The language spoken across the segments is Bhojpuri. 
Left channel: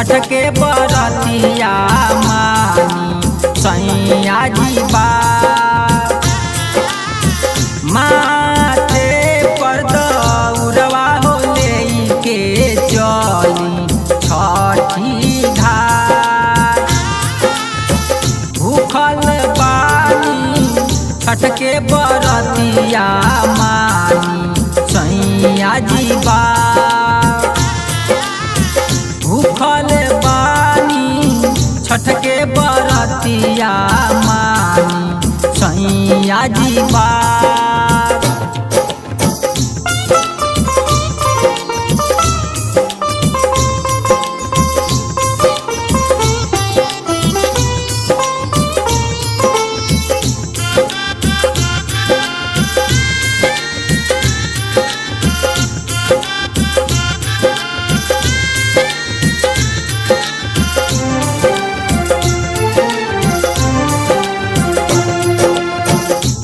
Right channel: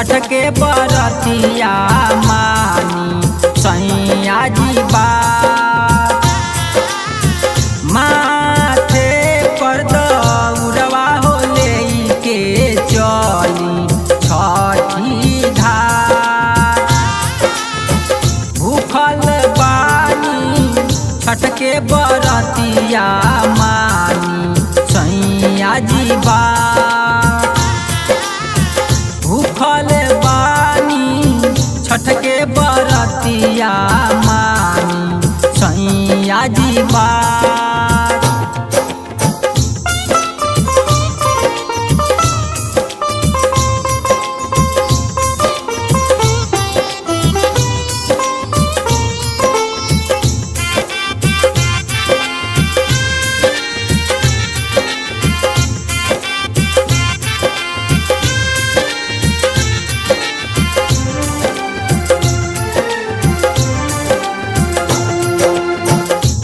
छठ के बरतिया मानी सैया जी बात। माथे पर दौरवा हो लेके चली छठी घाट। भूखल बानी छठ के बरतिया मानी सैया जी बात। भूखल बानी छठ के बरतिया मानी सैया जी बात।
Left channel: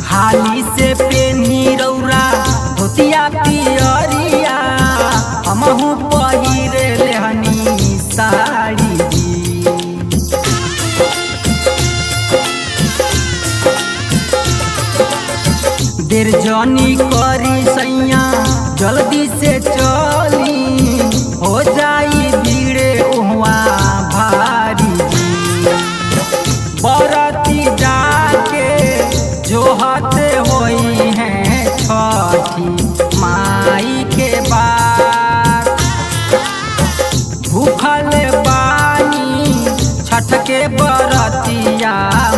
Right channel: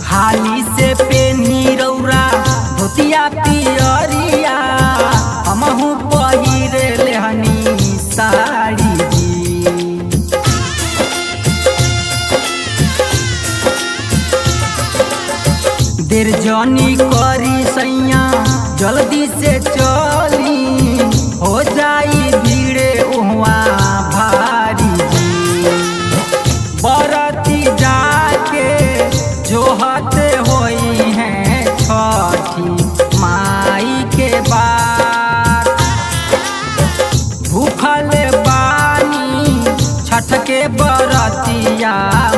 हाली से पेनी रौरा धोतिया पियरिया हमहू पहिरे लेहनी साड़ी जी। देर जनी करी सैया जल्दी से चली हो जाई भीड़े उहवा भारी जी। बरती जाके जोहते होई हैं छठी माई के बात। भूखल बानी छठ के बरतिया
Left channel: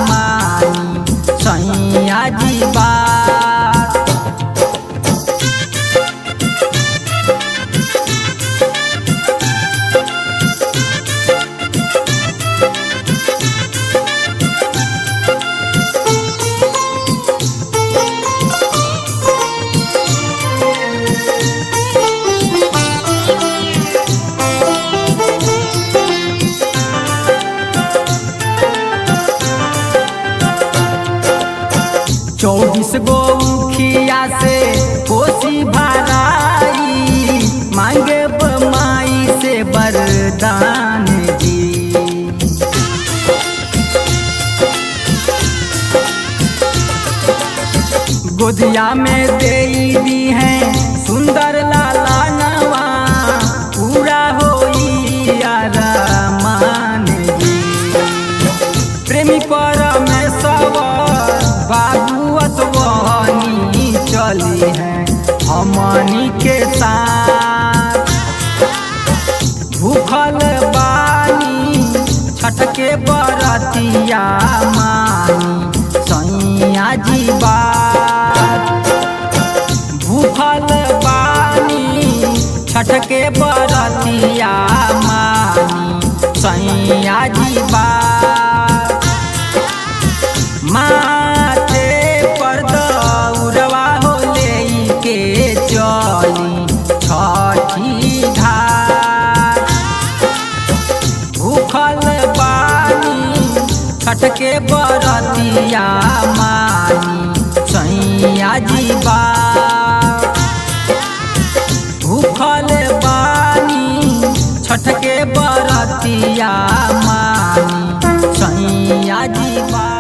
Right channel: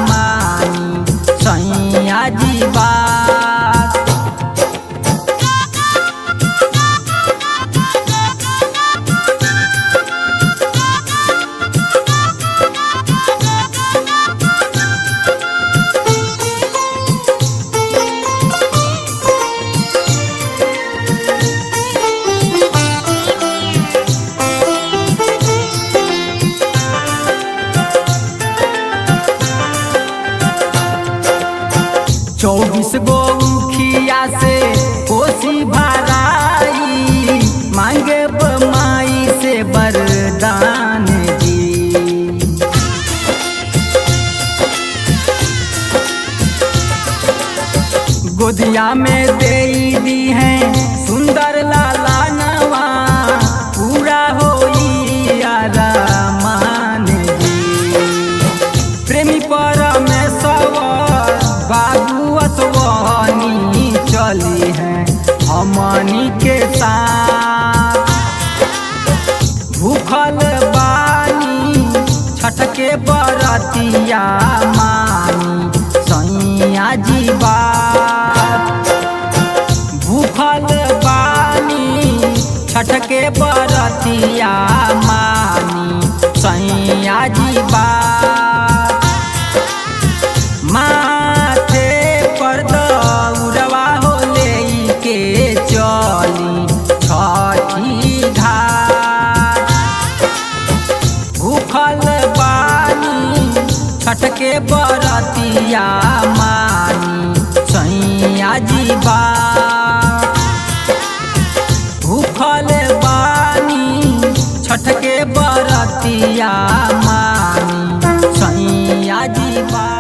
मानी सैया जी बात। चौबीस गो मुखिया से कोसी भराई मांगे माई से वरदान जी। गोदिया में दे दी हैं सुंदर लाला नवा पूरा होई आरामान जी। प्रेमी परमेश्वर बाबू असवानी चली है हमनी के साथ। भूखल बानी छठ के बरतिया मानी सैया जी बात। भूखल बानी छठ के बरतिया मानी सैया जी बात। माथे पर दौरवा हो लेके चली छठी घाट। भूखल बानी छठ के बरतिया मानी सैया जी बात। भूखल बानी छठ के बरतिया मानी सैया जी बात।